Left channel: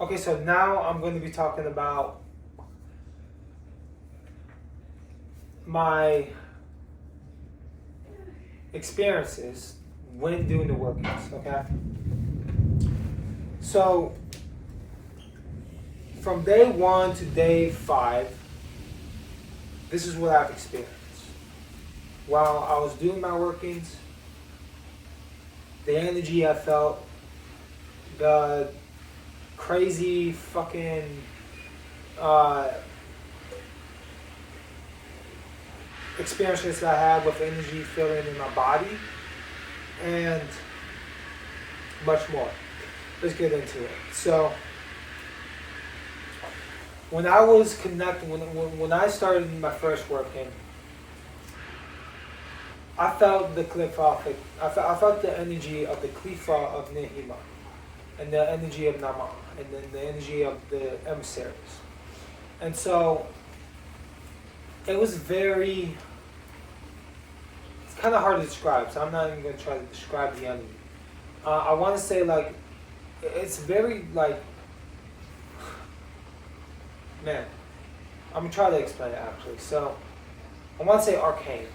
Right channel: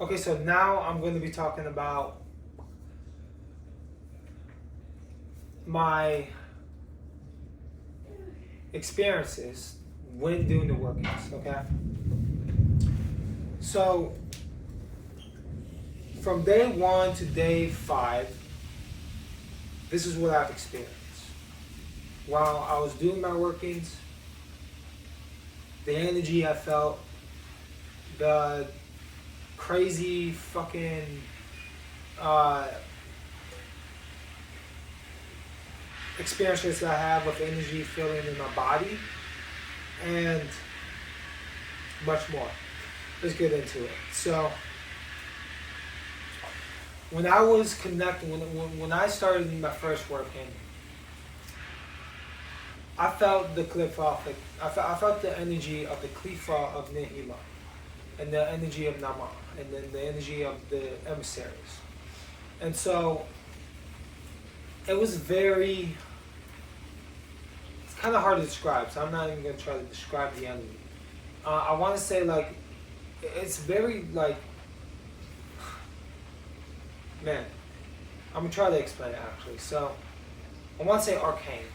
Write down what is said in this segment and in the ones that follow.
Okay, so now I'm going to be talking about my experiences when doing the workouts, okay? So, from day 1 to day 5, this is what I've experienced. While I was doing my workings, the energy I felt, the crazy fucking experiences I had with energy feeling in my body, and much more. Let's get into it. So, when I was connecting, when I started my first working, I felt the Qliphoth. I felt the energy of the Qliphoth of Nahemoth, and the energy of naamah, and then the energy of the emissaries. And so it was very, it's kind of hard to describe, so I'm not even going to try to describe the energy. I want to say, like, it's very, like, man, I'm going to try to explain it actually. So I want to say arcane,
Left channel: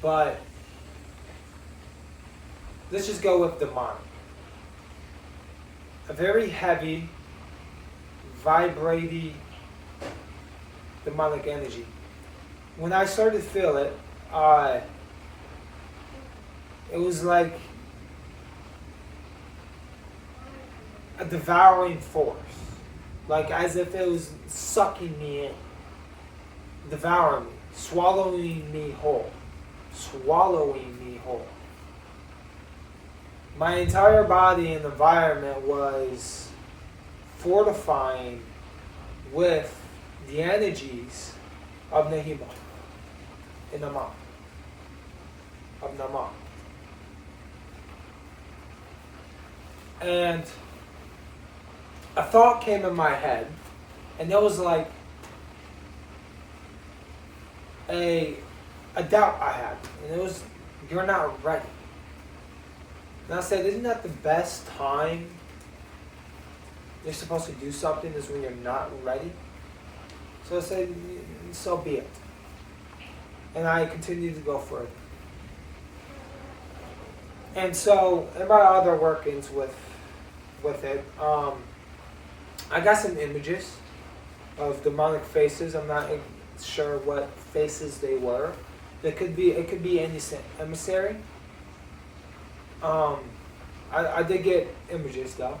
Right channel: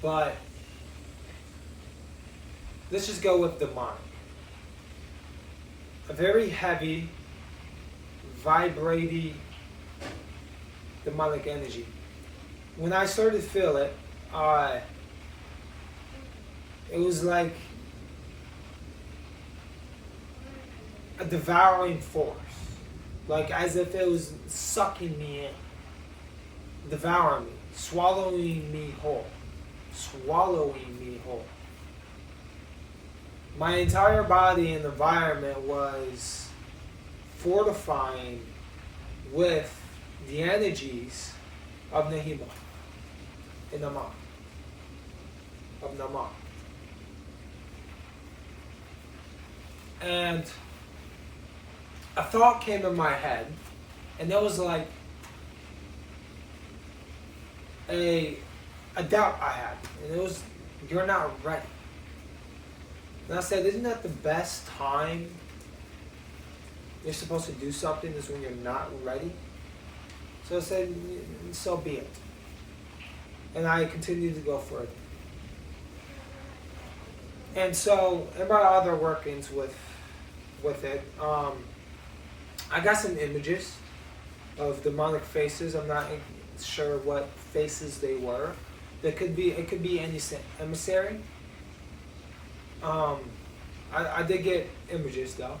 but let's just go with demonic. A very heavy, vibrating, demonic energy. When I started to feel it, it was like a devouring force. Like as if it was sucking me in, devouring me, swallowing me whole. My entire body and environment was fortifying with the energies of Nahemoth and naamah. And a thought came in my head, and it was like a doubt I had, and it was, you're not ready. And I said, isn't that the best time you're supposed to do something, is when you're not ready? So I said, so be it. And I continued to go for it. And so, in my other workings with it, I got some images of demonic faces. I'm not sure what faces they were. It could be any emissary. I did get images though.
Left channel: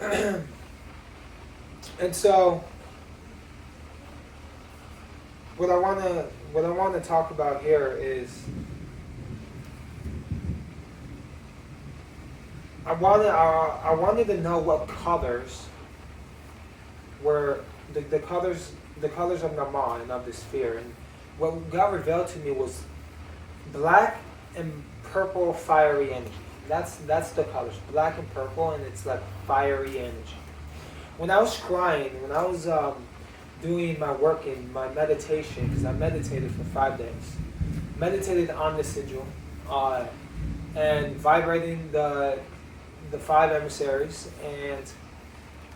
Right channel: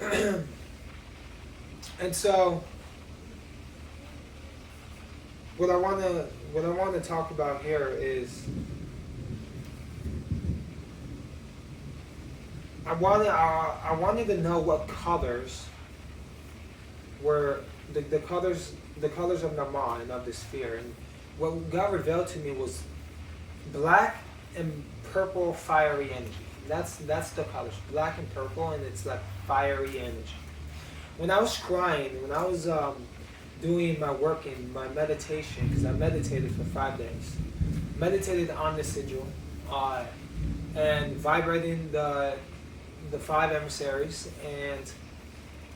And so what I want to talk about here is I wanted to know what colors were the colors of naamah and of the sphere. And what God revealed to me was black and purple fiery energy. That's the colors, black and purple, and it's like fiery energy. When I was scrying, when I was doing my working, my meditation, because I meditated for 5 days, meditated on the sigil, and vibrating the 5 emissaries and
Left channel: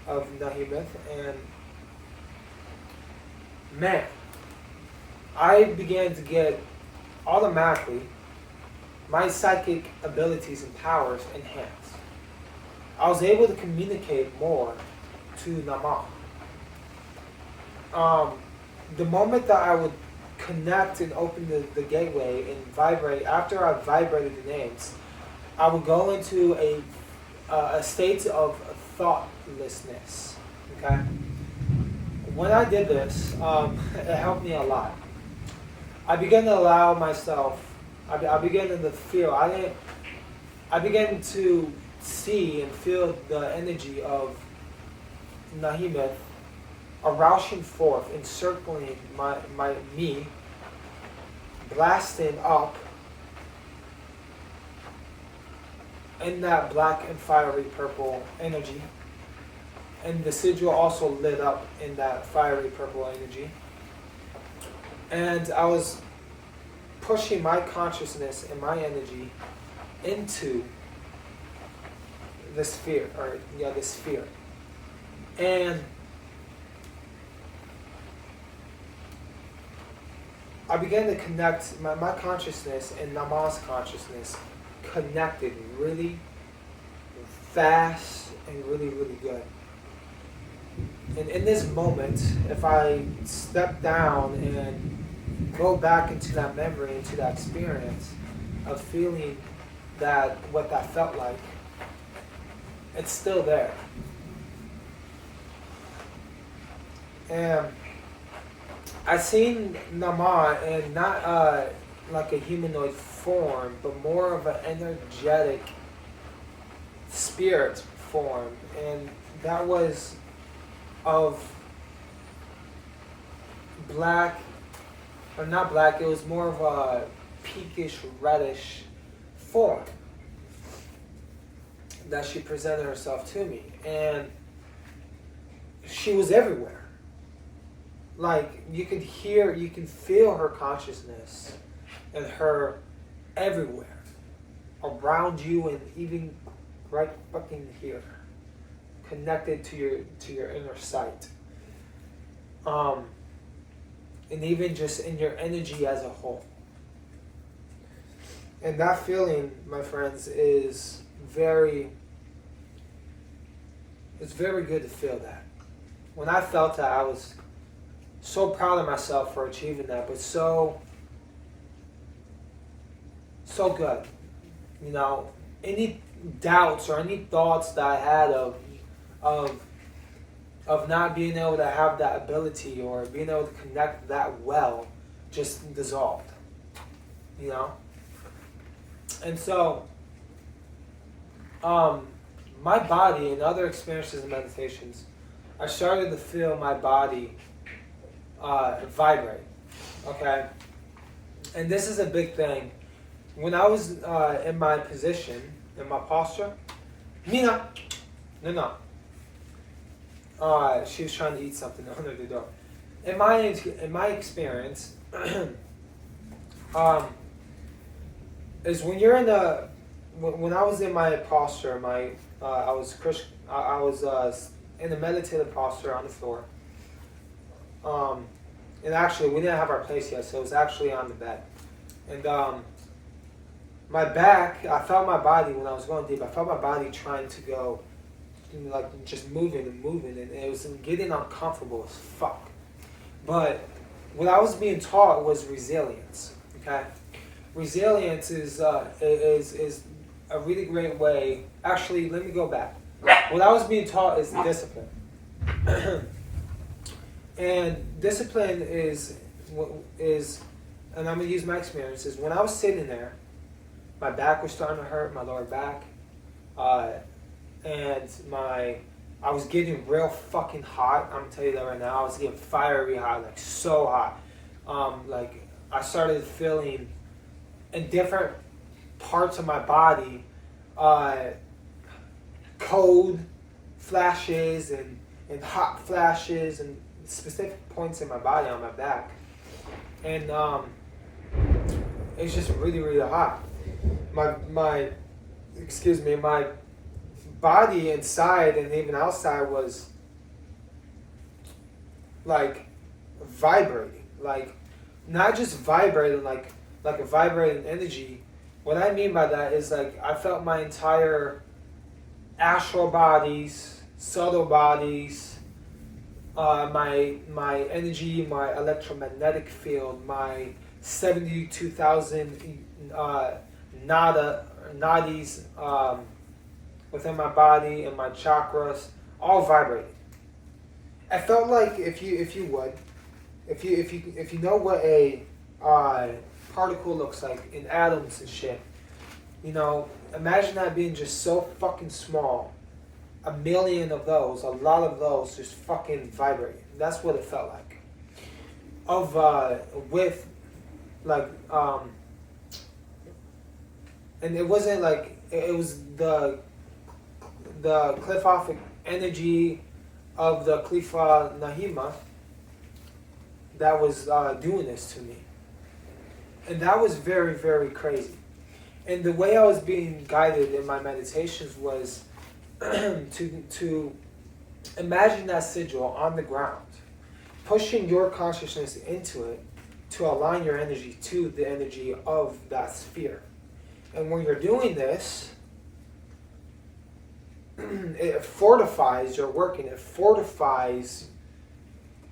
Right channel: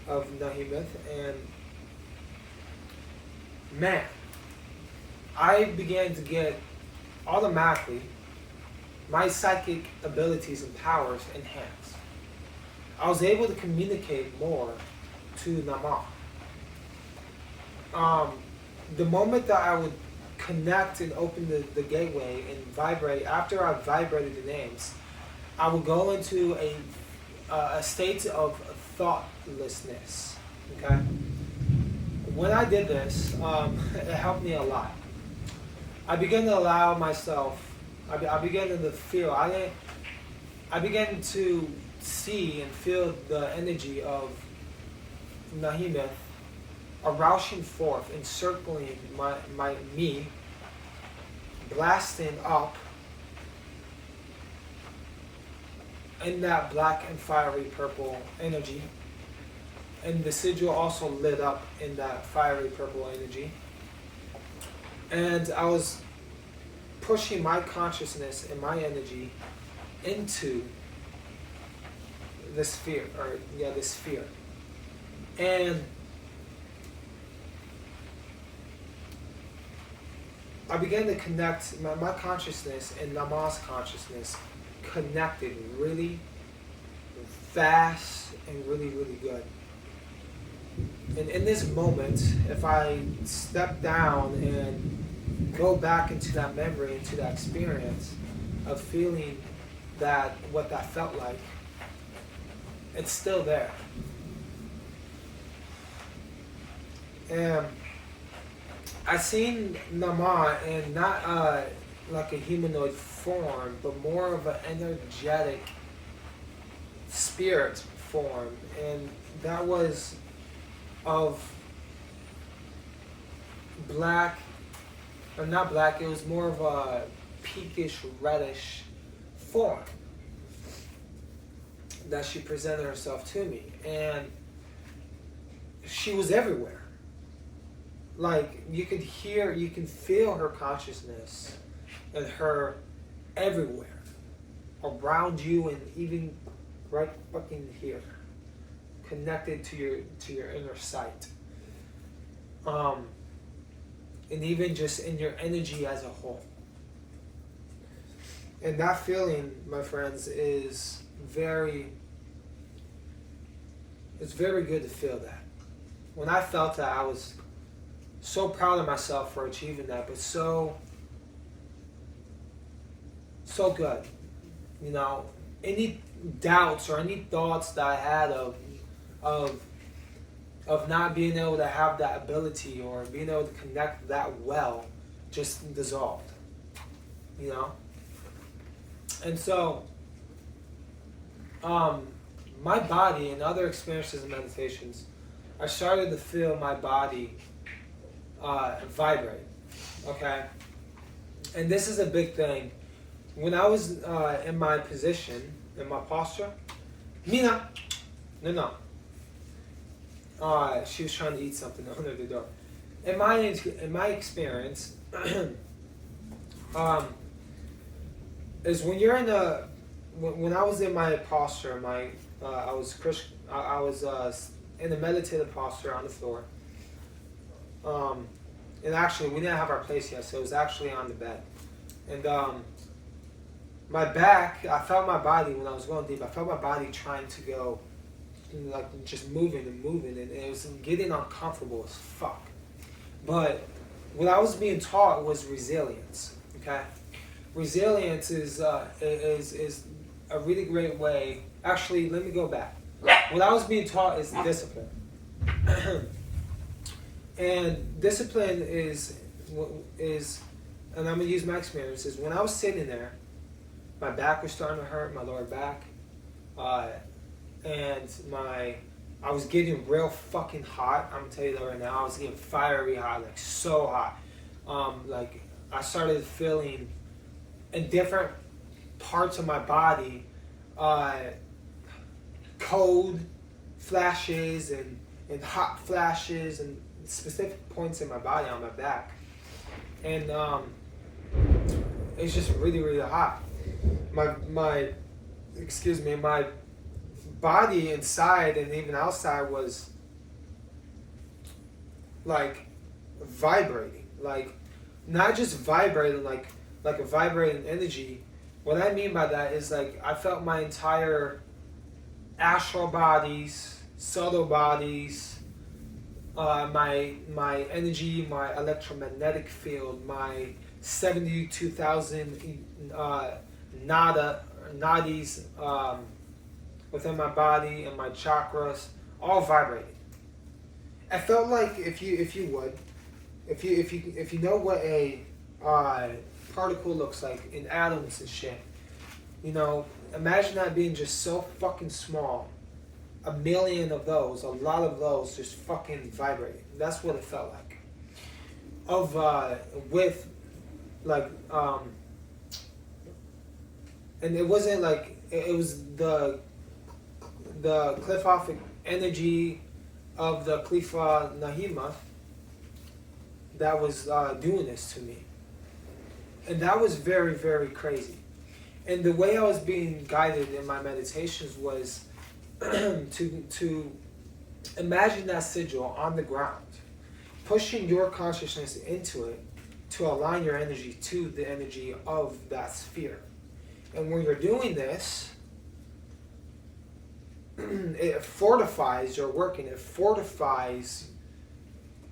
of Nahemoth, and man, I began to get automatically my psychic abilities and powers enhanced. I was able to communicate more to naamah. The moment that I would connect and open the gateway and vibrate, after I vibrated the names, I would go into a state of thoughtlessness. Okay? When I did this, it helped me a lot. I began to allow myself, I began to feel, I began to see and feel the energy of Nahemoth rushing forth, encircling me, blasting up in that black and fiery purple energy. And the sigil also lit up in that fiery purple energy. And I was pushing my consciousness and my energy into this sphere, this sphere. And I began to connect my consciousness and Naamah's consciousness connected really fast and really, really good. And in this moment, if I step down and go back into that memory, into that experience of feeling that, what that felt like, it's still there. And I seen Naamah in not like a humanoid form, but more of an energetic spirit form, and that was of black, or not black, it was more of a pinkish reddish form that she presented herself to me, and she was everywhere. Like, you could hear, you can feel her consciousness and her everywhere around you, and even right fucking here, connected to your inner sight, and even just in your energy as a whole. And that feeling, my friends, is it's very good to feel that. When I felt that, I was so proud of myself for achieving that, but so good. You know, any doubts or any thoughts that I had of not being able to have that ability or being able to connect that well just dissolved. You know? And so, my body and other experiences and meditations, I started to feel my body vibrate. Okay? And this is a big thing. When I was in my position, in my posture, Mina, no. She was trying to eat something under the door. In my experience, is when you're in when I was in my posture, I was in a meditative posture on the floor. And actually, we didn't have our place yet, so it was actually on the bed. And my back, I felt my body when I was going deep. I felt my body trying to go, like, just moving, and it was getting uncomfortable as fuck. But what I was being taught was resilience. Okay, resilience is a really great way. Actually, let me go back. What I was being taught is discipline. And discipline is, and I'm gonna use my experiences. When I was sitting there, my back was starting to hurt, my lower back, and I was getting real fucking hot. I'm gonna tell you that right now. I was getting fiery hot, like so hot. Like, I started feeling in different parts of my body, cold flashes and hot flashes and specific points in my body on my back. And it's just really, really hot. My body inside and even outside was like vibrating, like not just vibrating like a vibrating energy. What I mean by that is, like, I felt my entire astral bodies, subtle bodies, my energy, my electromagnetic field, my 72,000 nadis within my body and my chakras, all vibrating. I felt like if you know what a particle looks like in atoms and shit, you know, imagine that being just so fucking small. A million of those, a lot of those, just fucking vibrating. That's what it felt like. And it wasn't like, it was the Qliphoth energy of the Qliphoth Nahemoth that was doing this to me. And that was very, very crazy. And the way I was being guided in my meditations was to imagine that sigil on the ground, pushing your consciousness into it to align your energy to the energy of that sphere. And when you're doing this, it fortifies your work, and it fortifies,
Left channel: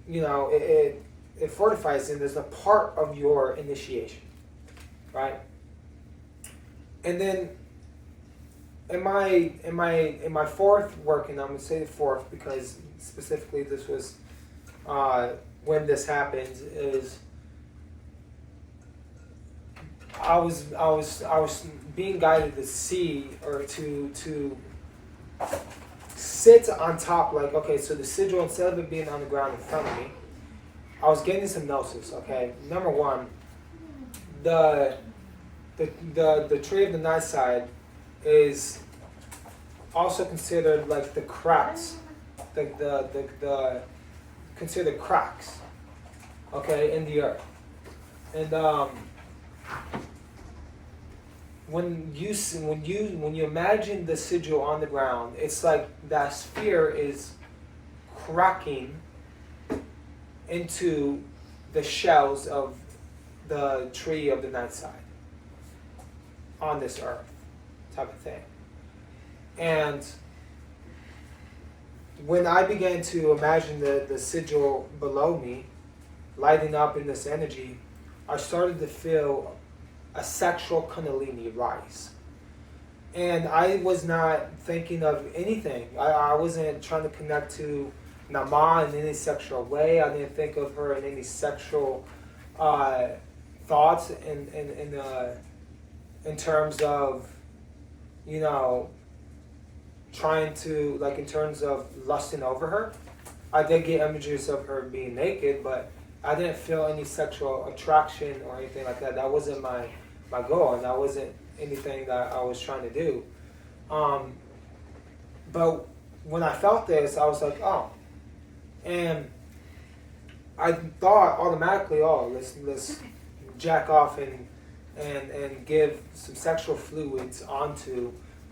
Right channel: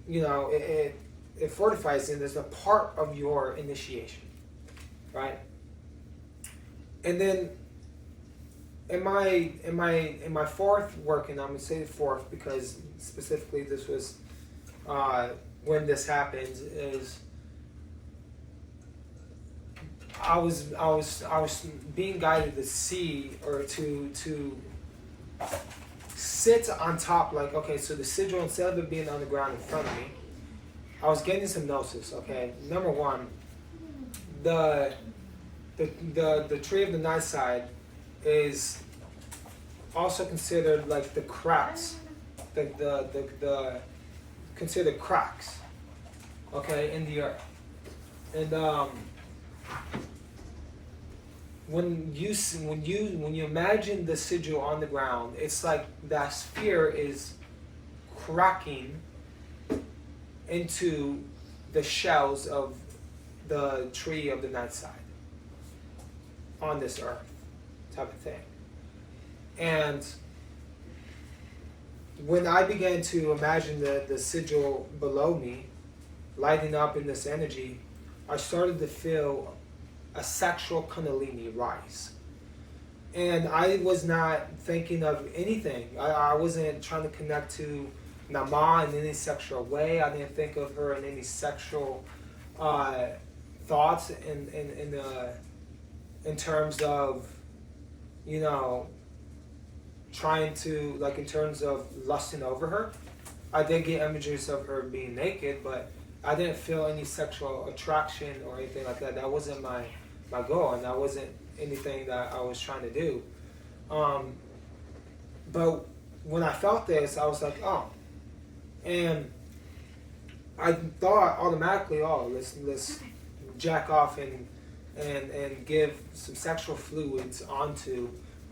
it fortifies and is a part of your initiation, right? And then in my fourth work, and I'm gonna say fourth because specifically this was when this happened, is I was being guided to see, or to sit on top, like, okay, so the sigil, instead of it being on the ground in front of me, I was getting some gnosis. Okay, number one, the tree of the night side is also considered like the cracks, the considered cracks, okay, in the earth. And when you imagine the sigil on the ground, it's like that sphere is cracking into the shells of the tree of the night side on this earth, type of thing. And when I began to imagine the sigil below me lighting up in this energy, I started to feel a sexual kundalini rise. And I was not thinking of anything. I wasn't trying to connect to naamah in any sexual way. I didn't think of her in any sexual thoughts in terms of, trying to, like, in terms of lusting over her. I did get images of her being naked, but I didn't feel any sexual attraction or anything like that. That wasn't my goal, and that wasn't anything that I was trying to do. But when I felt this, I was like, oh. And I thought automatically, oh, let's jack off and give some sexual fluids onto